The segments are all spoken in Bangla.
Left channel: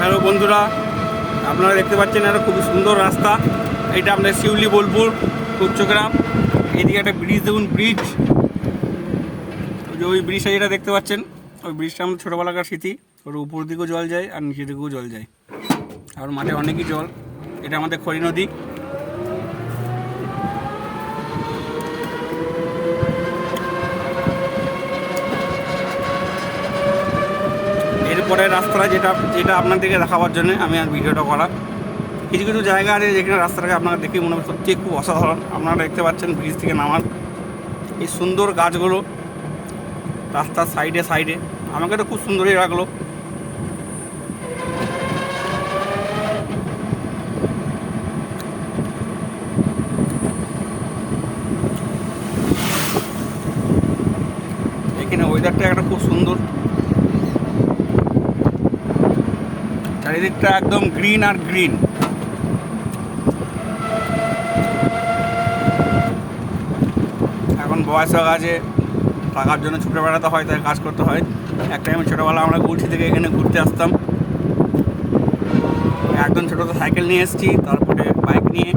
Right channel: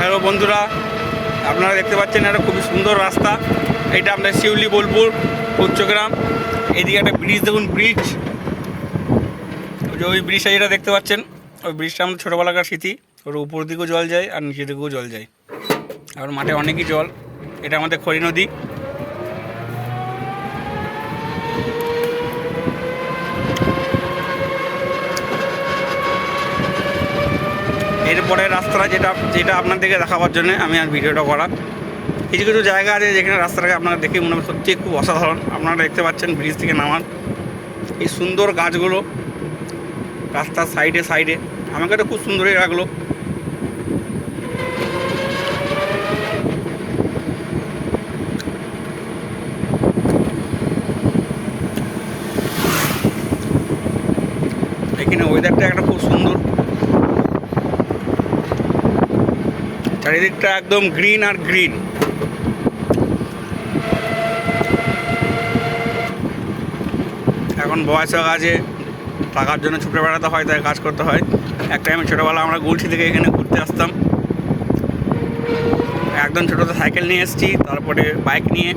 হ্যালো বন্ধুরা, আপনারা দেখতে পাচ্ছেন একটা খুবই সুন্দর রাস্তা। এটা আপনার শিউলি বোলপুর উচ্চগ্রাম। এদিকে একটা ব্রিজ, দেখুন ব্রিজ, ওই ব্রিজটা যেটা দেখতে পাচ্ছেন, ওই ব্রিজটা আমাদের ছোটোবেলাকার স্মৃতি। ওর উপর দিকেও জল যায় আর নিচের দিকেও জল যায়, আর মাঠে অনেকই জল। এটা আমাদের খড়ি নদী। এরপরে রাস্তাটা যেটা আপনাদেরকে দেখাবার জন্য আমি আর ভিডিওটা করা। কিছু কিছু জায়গা আছে যেখানে রাস্তাটাকে আপনারা দেখে মনে হয় সত্যি খুব অসাধারণ। আপনারা দেখতে পাচ্ছেন ব্রিজ থেকে নামার এই সুন্দর গাছগুলো রাস্তার সাইডে সাইডে, আমাকে তো খুব সুন্দরই লাগলো। এখানে ওয়েদারটা একটা খুব সুন্দর, চারিদিকটা একদম গ্রিন আর গ্রিন। এখন বয়স হয়ে গেছে, টাকার জন্য ছুটে বেড়াতে হয়, তাই কাজ করতে হয়। এক টাইমে ছোটোবেলা আমরা গুলছি থেকে এখানে ঘুরতে আসতাম। একদম ছোটোতে সাইকেল নিয়ে এসেছি, তারপরে বাইক নিয়ে।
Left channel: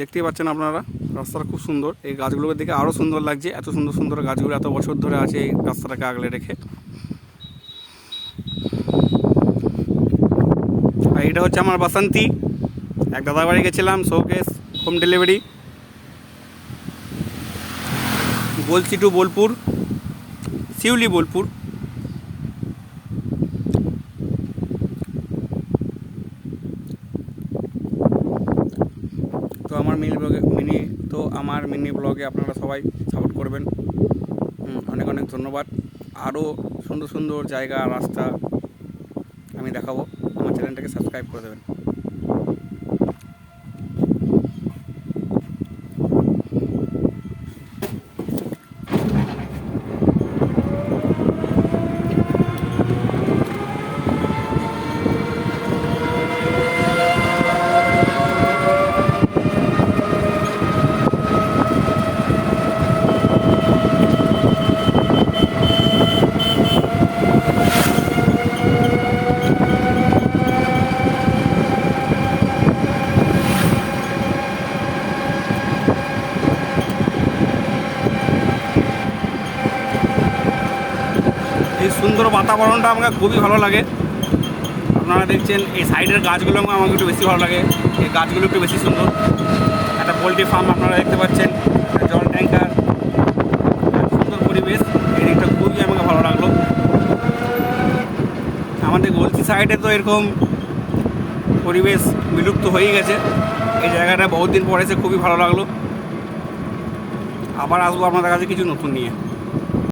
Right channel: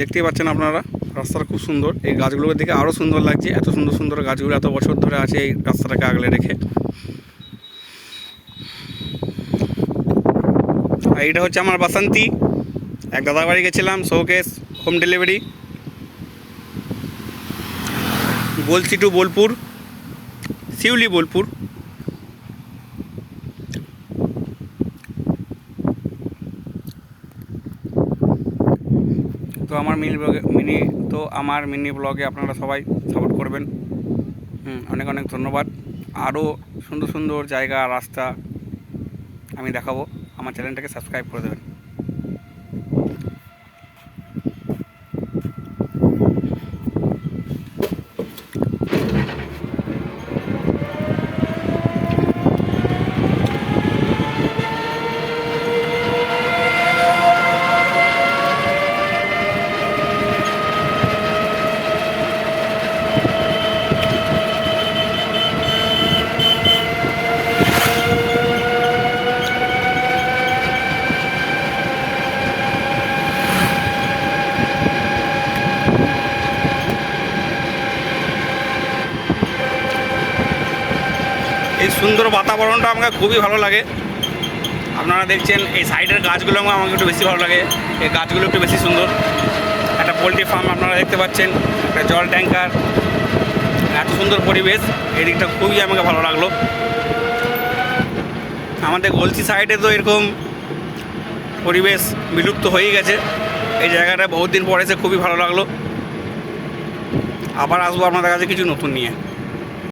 দেখতেই পাচ্ছেন আপনারা, রাস্তাটা খুব সুন্দর। এই গাছগুলোকে দেখে আরও সুন্দর লাগছে। এত সুন্দর সুন্দর গাছগুলো এত বছর ধরে আছে এই রাস্তাটাকে আগলে রেখে। আর এইটা হচ্ছে আমার বাসন্তী। এক দাদার বাড়ি গেছিলাম, শোকেস হোম ডেলিভারি, গোলসি টু বোলপুর, শিউলি বোলপুর। তো আমার মিনি ব্লগে আপনারা সবাই সাপোর্ট করবেন। অনেক অনেক ধন্যবাদ। আরও সুন্দর সুন্দর জায়গা, রাস্তা আমি দেখাবো। আমার চ্যানেলটাকে সাবস্ক্রাইব করে দেবেন। এই সুন্দর বাতাবরণটা আমাকে খুবই ভালো লাগে। আপনারা দেখছেন এই সাইডের গাছগুলো আমাকে একটু বেশি ভালো লাগে। এই গাছগুলো একটু বেশি সুন্দর। একটা পোলট্রি ফার্ম আপনারা দেখতে পাচ্ছেন, একটা জল ট্যাঙ্কার, এত সুন্দর পরিবেশ। এই দিকটা খুবই আমাকে ভালো লাগলো। আমাদের গলসি সাইডে তো এরকম পরিবেশ বিলুপ্ত হয়েই গেছে। এই জায়গাটা বহুত দিন পর এসে খুবই ভালো লাগলো। আবার আসবো আপনাদের কাছে কিছু নতুন নিয়ে।